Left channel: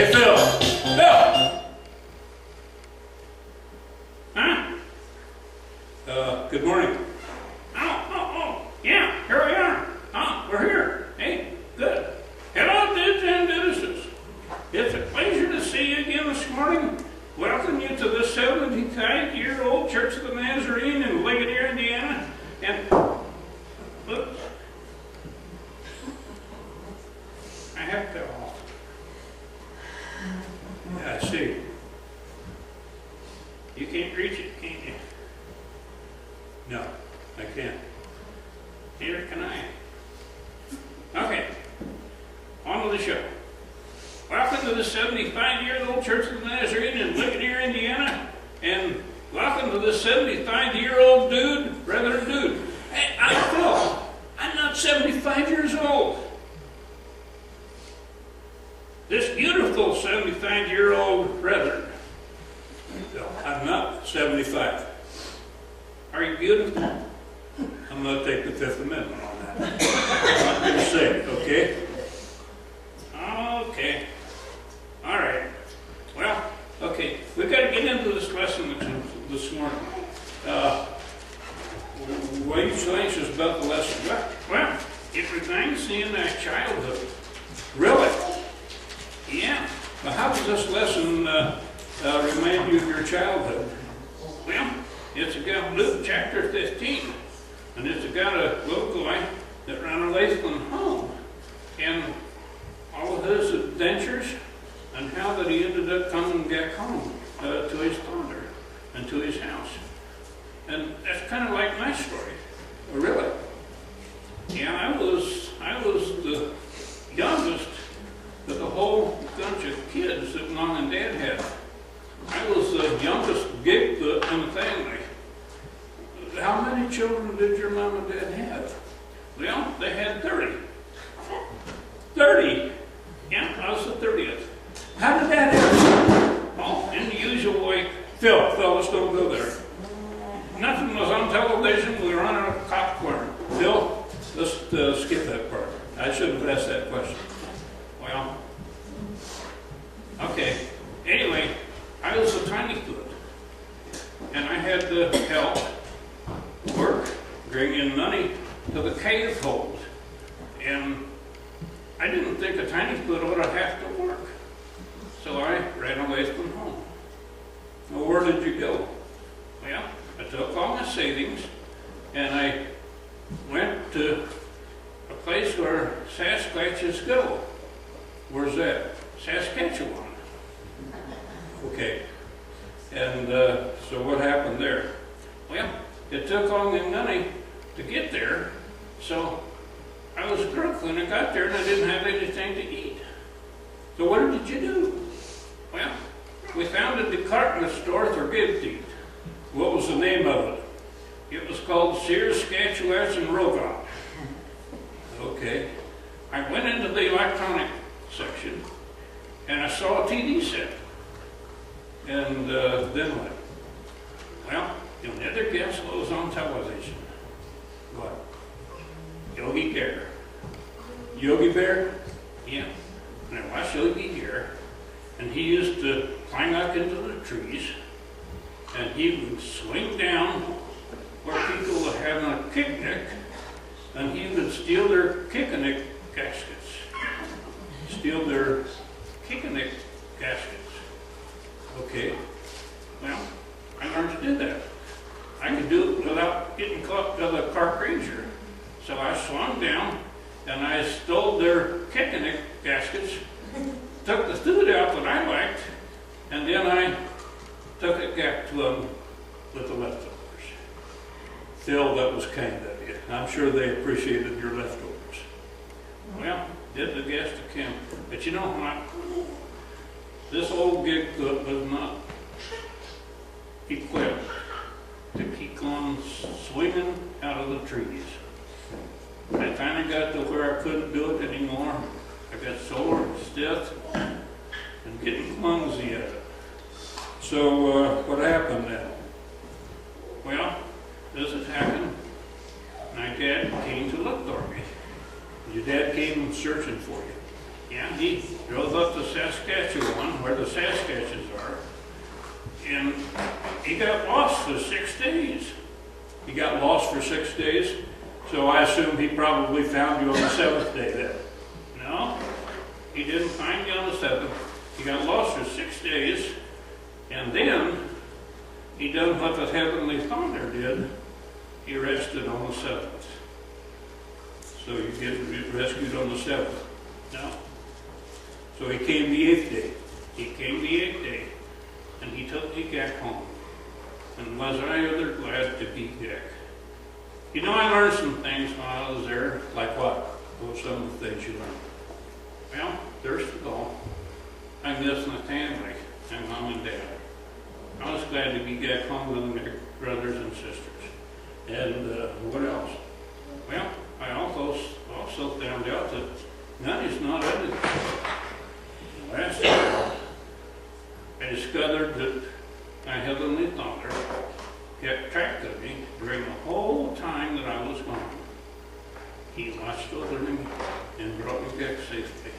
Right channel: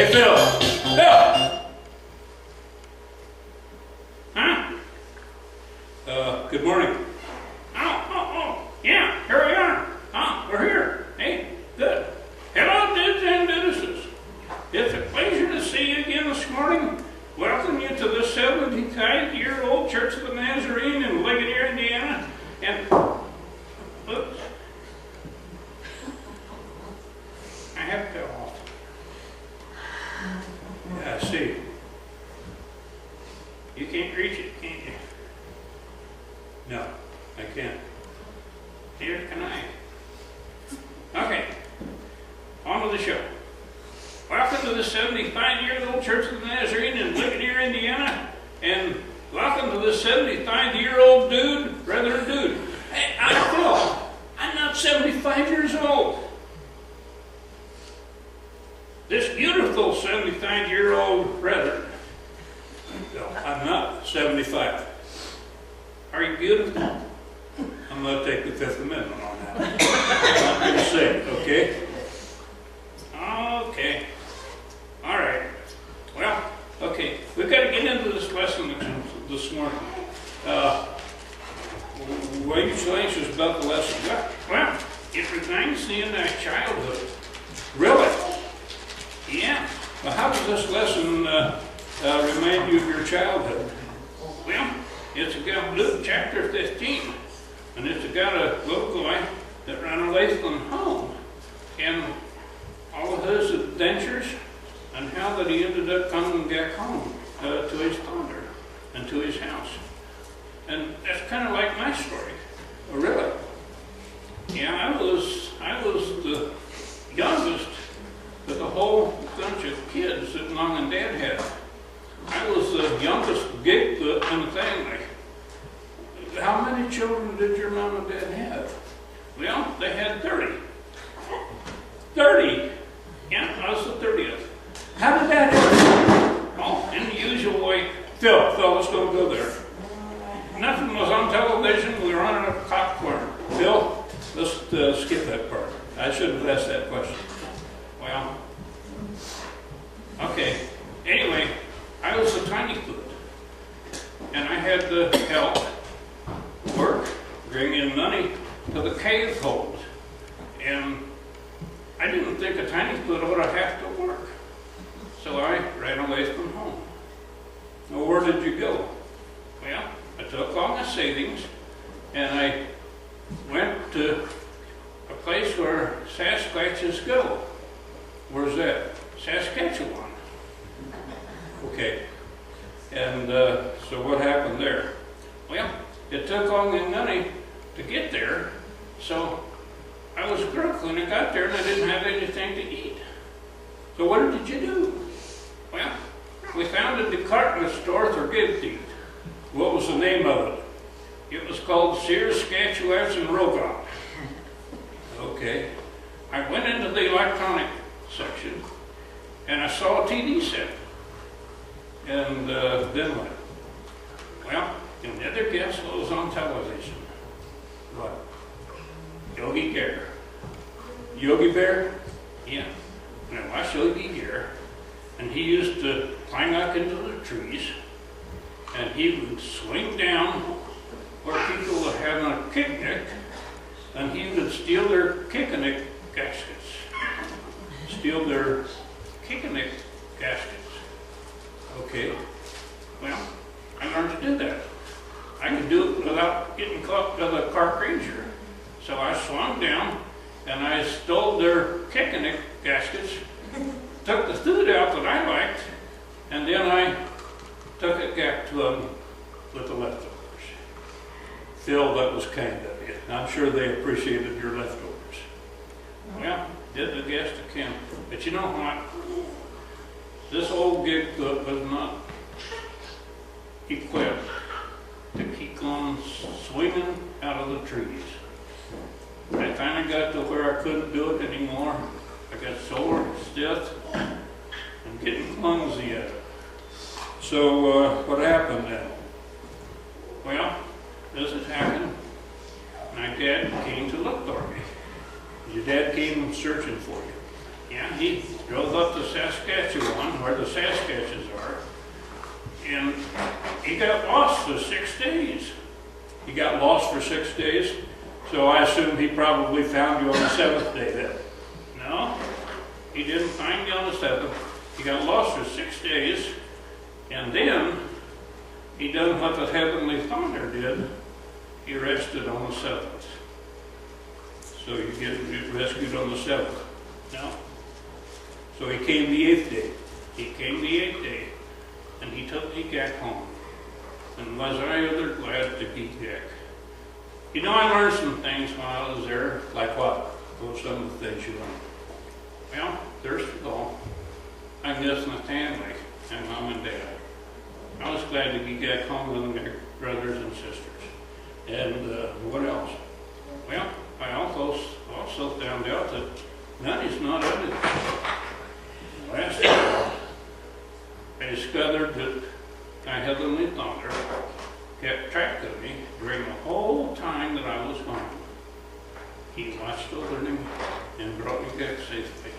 Hey, Phil. Phil! Huh? Good morning. Oh, yeah, here we are. We're here. Hey, good. Hello, dudes and dudeses. It's a pleasure to see you again this morning. Welcome you to the 75-year-old Church of the Nazarene in Ligonier, Indiana. And, oops. I have to off. Yeah, I see. You can't reach it, can you? No, I can't. Neither can I. Okay, on with the show. Welcome to the 75-year-old Church of the Nazarene in Ligonier, Indiana, and welcome to the 75-year-old dude, rather dude. Hey, I'm Phil. I'm not 75 years old. This beautiful 75-year-old brethren. I'm not 75. Are you beautiful? I'm going to take the Fifth Amendment on that. I'm not going to say it, okay? Okay. All right. Well, okay. We've got to get into this lesson this morning. Why are you so anxious about the lesson? Well, it reminds me of my childhood. Really? Yeah. Well, how does this lesson remind you of your childhood? Well, it's about Luke chapter 15, and it's about a little guy that ran away from home, and all of his adventures, and how that he ended up coming back home to his father and to his house. And that's kind of like my story. Oh, really? Yeah, I was the youngest of the whole bunch of kids that Mom and Dad had. I was the youngest gig in the family. How many children did your mom and dad have? Well, they had 30. 30? Yeah, I was the 30th. How did that happen? Oh, in the usual way. Phil, let's don't go there. Nothing was on television. We were on a popcorn. Phil, let's skip that part. I should have asked that question. Well, okay. Anyway, I was a tiny foot, and I had to help work, bring in money to the cave hold. And I didn't think a tiny foot ought to have to work. So I ran away from home. Well, where did you go? Well, I took all my savings and I went to a place where Sasquatches go. Where's that? Saskatchewan. Okay. And so what happened there? Well, it took all my money to get there, so I was broke when I got there and I didn't have anything to eat. So what did you do? Well, we found a department store for gift eat. What was the name of it? It was called Sears, Sketchuettes, and Rogon. Okay. I went into the electronic section and I saw a TV set. And then what? Well, you'll never guess what was on television. What? Yogi Bear. Yogi Bear? Yeah. And I watched Yogi Bear, and he used to climb up into the trees, and he would swing down where people were having a picnic, and he would steal their picnic gaskets. Steal their picnic gaskets. Okay. Well, I learned to do that. I could do it without getting caught by the park ranger. So I swung down and I stole their picnic gaskets, took the food out that I liked, and then I took it back to them with the leftovers. Phil, that was kind of you. I'm sure they appreciated your leftovers. Well, did the guest to camp. But you know what? This old gig was not equipped to keep on swinging out of the trees. I finally got to where I couldn't do it anymore. I got sore, stiff, and getting clumsy at it. So what happened then? Well, as it happened, my dad came to look for me. Your dad came searching for you. Yeah, he drove up to Saskatchewan, where the Saskatchewans are, and he got lost for 6 days. He got lost for 6 days, so I assume he probably found you on the 7th day then. No, he didn't find you on the 7th. He got lost for 6 days, and then he done what the Heavenly Father did. He rested on the 7th. So you get rescued on the 7th. No. So he came the 8th day. He came the 8th day, and he took me back home. And was I ever glad to be back. You know, I learned some things while I was there, like what? Well, some of the things you learn. Well, first of all, I miss my family, my mom and dad. I was glad to be back home with my brothers and sisters. And what else? Well, I also found out that money's not everything. Last year, I discovered that my Heavenly Father kept track of me during the whole time that I was gone. He watched over me and brought me back safely.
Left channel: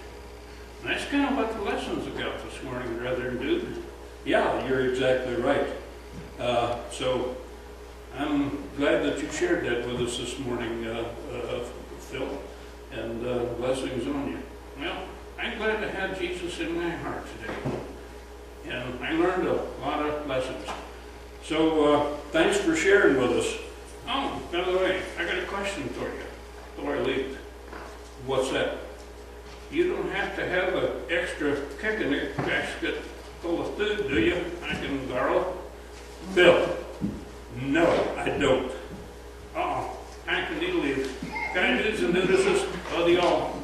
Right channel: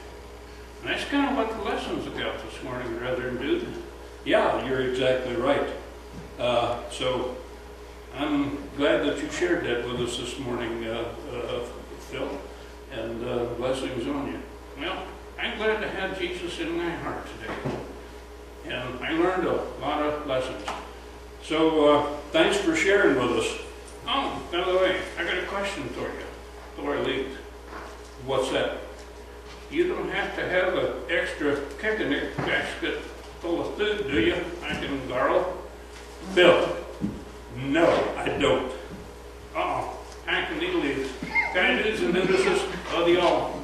And that's kind of what the lesson's about this morning, brother and dude. Yeah, you're exactly right. So I'm glad that you shared that with us this morning, Phil, and blessings on you. Well, I'm glad to have Jesus in my heart today. And I learned a lot of lessons. So thanks for sharing with us. Oh, by the way, I got a question for you before I leave. What's that? You don't have to have an extra picnic basket full of food, do you? I can borrow. Bill, no, I don't. I can leave. Guy dudes and dudeses, love you all.